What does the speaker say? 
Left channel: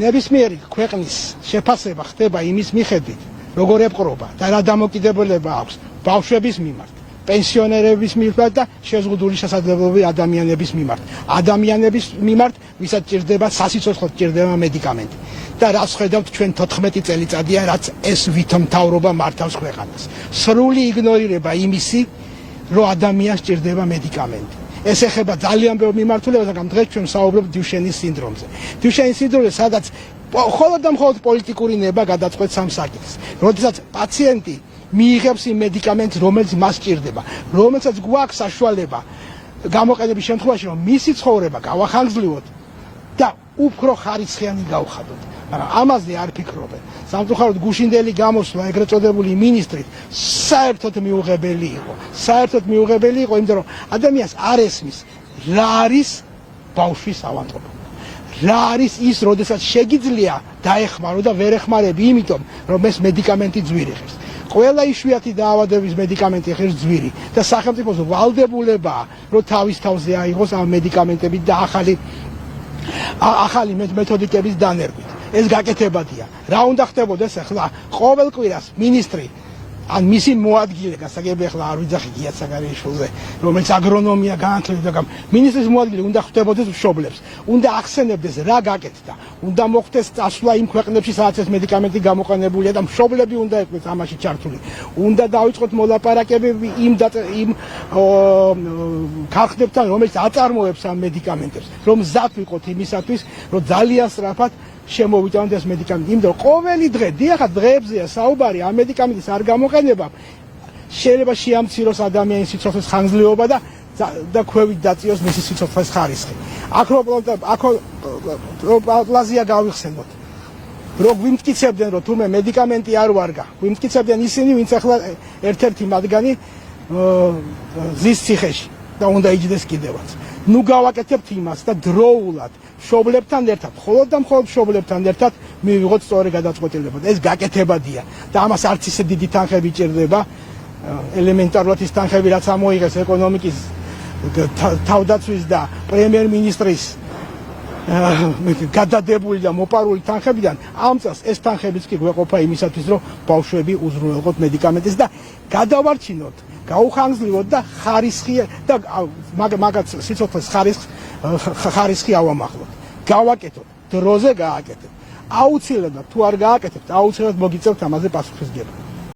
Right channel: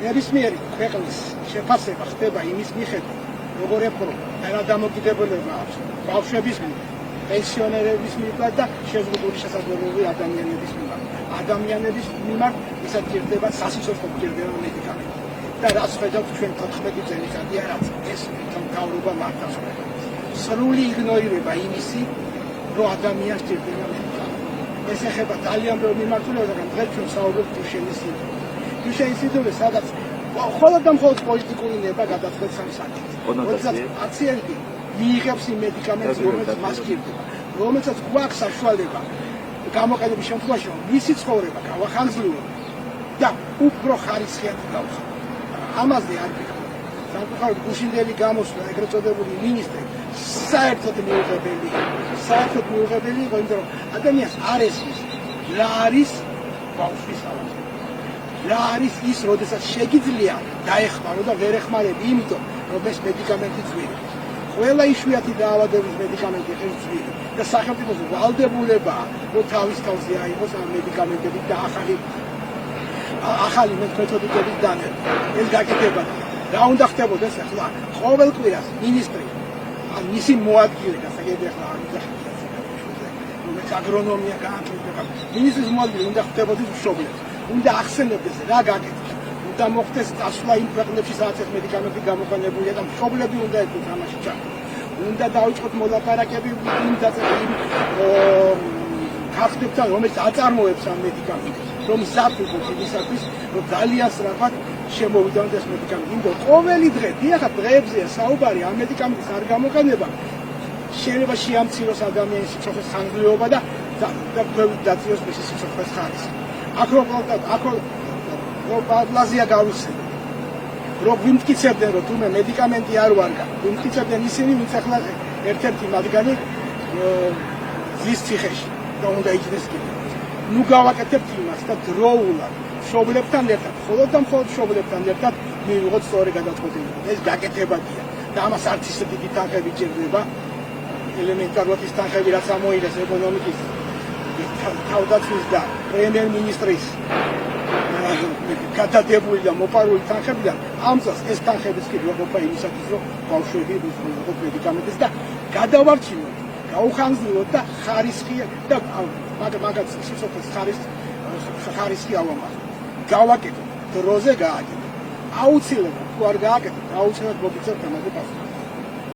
ნებისმიერი ქვეყნის შეფასება ხდება იმის მიხედვით, როგორ ეპყრობა და რა დამოკიდებულება აქვს ბავშვების მიმართ, პენსიონერების მიმართ და შეზღუდული შესაძლებლობები ადამიანების მიმართ. ადამიანების მიმართ, ვისაც ჭირდება სასიცოცხლოდ ჭირდება მედიკამენტი. და რაც ხედავთ ჩვენ 14 წელიწადია, რაც ეს ვითომთავრობა მართავს ქვეყანას. სრული იგნორირება იმისი, რომ ადამიანს ჭირდება მედიკამენტი. ეს ეხება ძალიან ბევრ მიმართულებას, მაგრამ დღეს ჩვენ ვსაუბრობთ დუშენის სინდრომზე. დუშენის სინდრომზე, სადაც მხოლოდ და მხოლოდ პოლიტიკური ნება გადაწყვეტს ამ საკითხს. როდესაც პაციენტი მიიღებს იმ მედიკამენტს, რომელიც მას ჭირდება, რომელსაც გვაქვს საშუალება გამოყენების შემთხვევაში, რომ მისი ცხოვრება გავახანგრძლიოთ და უფრო ხარისხიანი გავხადოთ. მაგრამ ამაზე არ ფიქრობენ. სამწუხაროდ გუშინდელი გამოსვლა, ეგრეთ წოდებული მინისტრი, საერთოდ მიუღებელი იყო, იმიტომ რომ ადამიანს არ ესმის, რა არის ბავშვის ავადმყოფობა. რა არის ის, როდესაც შეგიძლია დაეხმარო და ვერ ეხმარები, იმიტომ რომ ეს მედიკამენტი ძვირი ხის. ყველა იშვიათი დაავადების მედიკამენტი ხის ძვირი და სახელმწიფოს ვალდებულებაა, რომ თავის თავზე აიღოს ამ მედიკამენტებით და ახალი მეთოდიკების დანერგვა. ეს გაკეთებადია. რა უნდა ხდებოდეს ახლა? ყოველ კვირას მინისტრი ან მისი მოადგილე, გასაგები ახლა არ ვიძახი გიათ საგარეშოზე, რომელიც აგრონომია განათლება, მინისტრის მოადგილე უნდა ხდებოდეს მშობლებს. უნდა ახსენებდეს რა გაკეთდა. უნდა მოხდეს წასვლა იმ ქვეყნებში, სადაც ეს მედიკამენტი გამოყენებულია და მშობლები უნდა ერთად ამაში ჩართული. უნდა დაიწყოთ მოლაპარაკებები იმ ქალხდებთან, რომელიც აწარმოებს ამ მედიკამენტებს, რომ მზად ვიყოთ იმისათვის, რომ ძალიან სწრაფად შემოვიდანოთ ეს მედიკამენტი. იმიტომ ყოველი დღე, დიახაც დღეებზეა საუბარი, ამ მედიკამენტის არ გამოყენება შეიძლება შეამციროს ადამიანის სიცოცხლის ხანგრძლივობა და ქვევით დაწიოს მისი სიცოცხლის ხარისხი. აკროპლაზია გავიხსენოთ. რომ ვიმტკიცებდნენ, რომ თუმე მედიკამენტი არ ვარგა, ვიმტკიცებდნენ ისინი, ვინც ახლა ერთ-ერთი მათგანი ზის ციხეში და უნდა იჯდეს კიდევაც. ნუ გავაკეთებთ იმას და დროულად მშობლებთან ერთად, მხოლოდ და მხოლოდ მშობლებთან ერთად მივიღოთ სწორი გადაწყვეტილება. ეს გაკეთებადია და ამას არც ისე დიდი თანხები ჭირდება. ელემენტარულად ის თანხები, რაც ამოიღეს ეკონომიკის თავდაცვის და პრემიერ-მინისტრის გადადებული და მოპარული თანხებიდან, ამ წელს ეს თანხებიც კი გვეყოფა იმისათვის, რომ ბავშვები უზრუნველყოთ მედიკამენტს და გადავარჩინოთ, გაუხანგრძლივოთ და ხარისხი და მაგაც სიცოცხლის ხარისხი ავამახლოთ. გავაკეთოთ, დროზე გააკეთოთ. აუცილებლად თუ არ გააკეთოთ, აუცილებლად მოგიწევთ ამაზე პასუხისმგებლობა.